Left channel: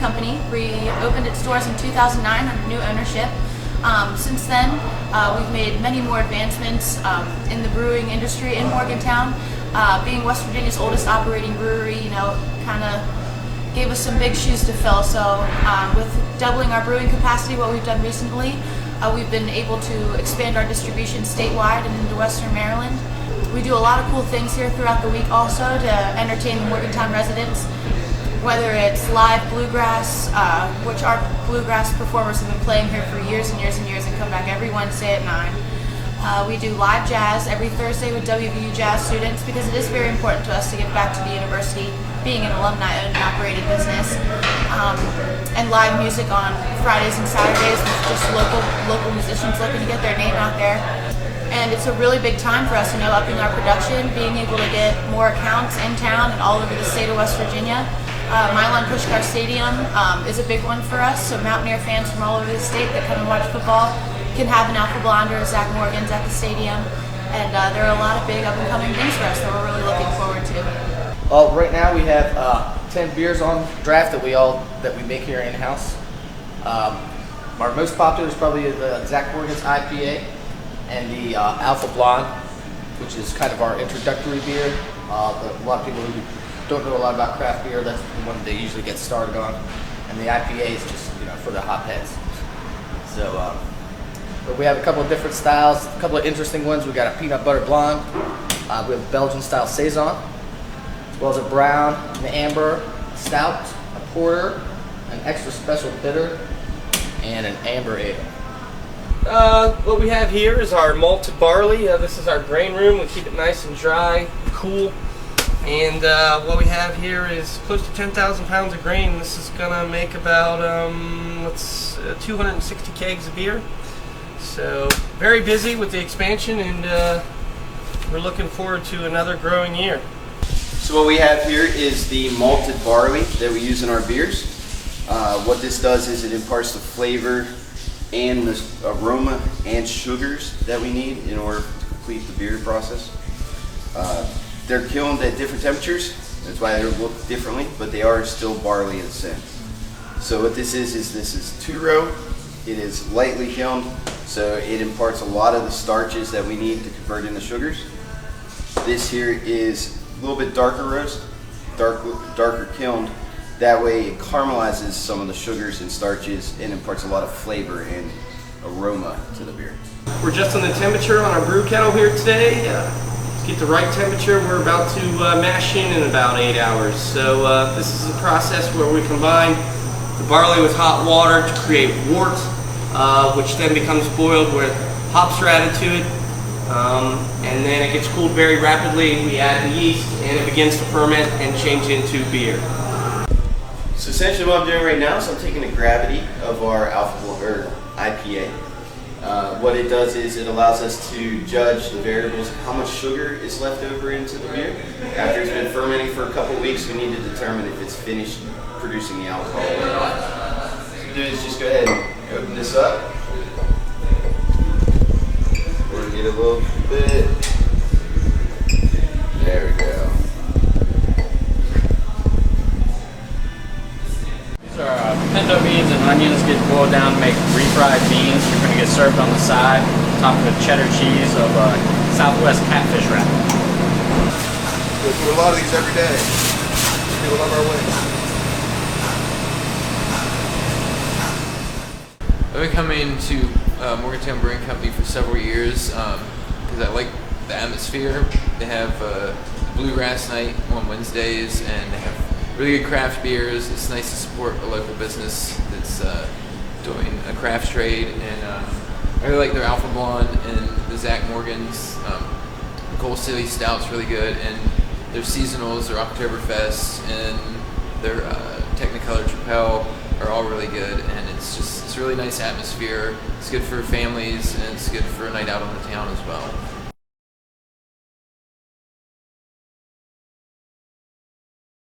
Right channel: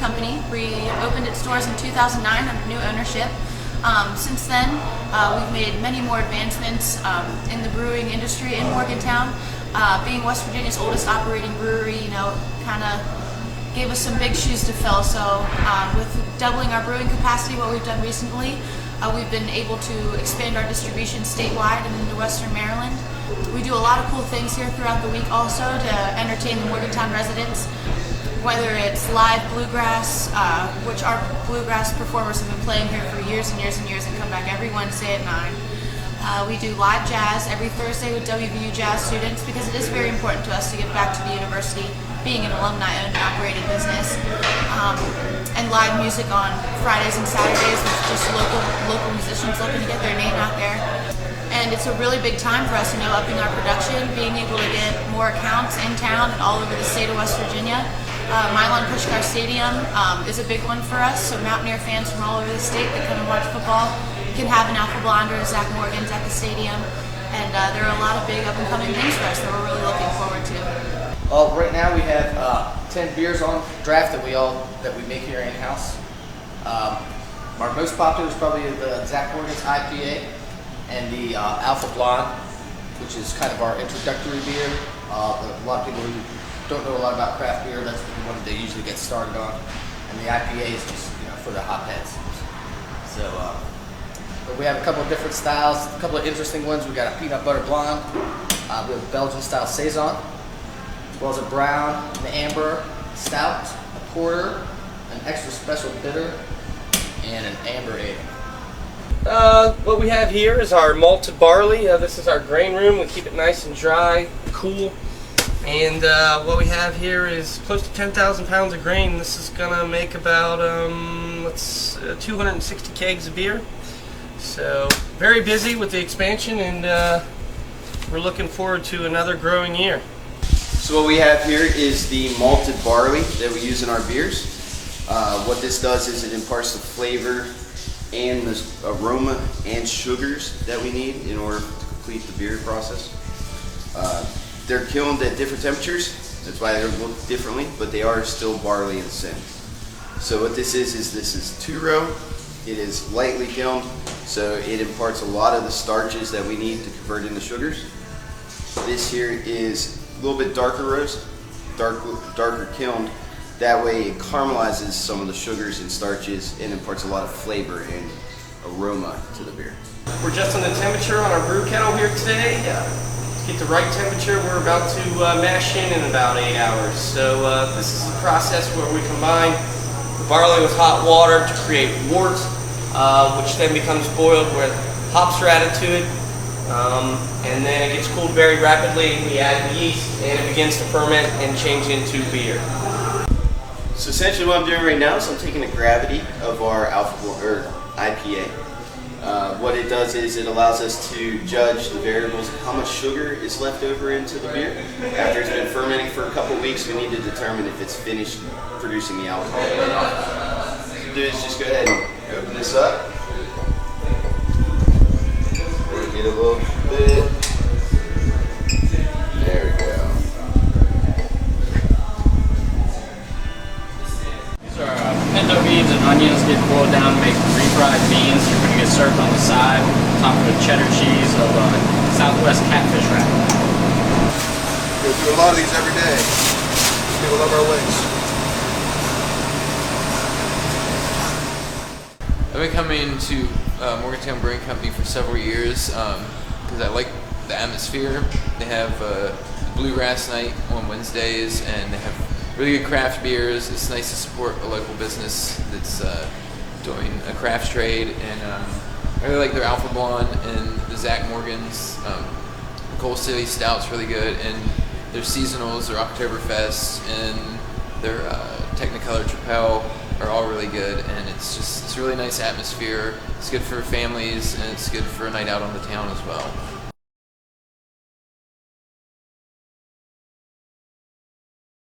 company. We opened its doors in 2009 under new ownership. Since then, we've made many more advancements in the brewing industry in Morgantown. Being West Virginia's oldest operating brewery, kind of gave us some big shoes to fill. So with doubling our brewing capacity, what we've done recently, we've been able to expand our distribution statewide and into Western Maryland. We do a lot of cool things here throughout the week also to entertain the Morgantown residents, whether it's live bluegrass, which our bluegrass performers have been playing here for years and years and years and come back every Wednesday at 9. We do live jazz every Thursday with WVU jazz students because it is very important to us to give back to the university, being an alumni-owned and operated business. And live music on Fridays and Saturdays with just local musicians looking to get their name out there. And it's a really big time for us, upping our production, being able to get more accounts in town and all over the state of West Virginia. Milan Pushkar Stadium is a big one for us, so Mountaineer fans from all over the state that come and watch football can have an Alpha Blonde or a Zach Morgan's at the stadium. And there are a lot of big up-and-coming things for us that we're really looking forward to. Well, right now we have 10 beers on draft that we make here in-house. Our most popular is probably the Zach Morgan's IPA and the Alpha Blonde, which is kind of our introductory beer. A lot of people who don't know a lot about craft beer, that's the one they usually get started on. And the IPA is just for the hopheads. So, but we have a couple of different styles, a couple of interesting ones. We got a peanut butter blonde, we have Belgian style saison, as well as a brown, an amber, stout, a porter, an extra special bitter, and an amber ale. What we have here is our malted barley. This is our grain room. We keep it nice and dry, cool. And what we have here is close to 10,000 pounds of grain. This is gonna make about 260 kegs of beer. So very busy with the expansion, and we're looking forward to another growing year. So what we have here is the malted barley that we use in our beers. What this does is it imparts the flavor and the aroma and sugars that we need in order to complete the beer process. They're kilned at different temperatures, that's why they look differently, but they are still barley in a sense. So what this is this is 2-row. It is lightly kilned, so it imparts a lot of the starches that we need to convert into sugars. This here is a little bit darker roast, darker kilned. That way it caramelizes some of the sugars and starches and imparts a lot of flavor and aroma to the beer. We're just on the temperature on our brew kettle here today. To get the right temperature, we're about to mash in about 8 hours. So this is a process where we combine the barley with hot water to create wort, which then becomes boiled with hops are added to it. And then it gets cooled very rapidly, and we add the yeast, and it begins to ferment and change into beer. So essentially what I'm doing right now is I'm taking the gravity of our IPA. What it does is it allows us to judge the variables of how much sugar is left over into the beer. After it's been fermenting for a couple of weeks, we need to determine if it's finished producing the alcohol or not. So what we do is just go ahead and open this up. Work it a little bit. There we go. These are pinto beans and onions get boiled down to make refried beans. They're going to get served on the side, topped with cheddar cheese of Southwest catfish wrap. We do a lot of these every day. People love our wings. I've been coming to Morgantown Brewing Company for several years because I like the atmosphere. They have bluegrass night on Wednesdays, and they have really good craft beers. It's nice to support a local business that's doing a craft trade, and I really like their Alpha Blonde and the Zach Morgan's. Coal City Stout's really good, and their seasonals, their Oktoberfest, and their Technicolor Tripel are all really good, and it's a really nice atmosphere. It's good for families, and it's good for a night out on the town as well.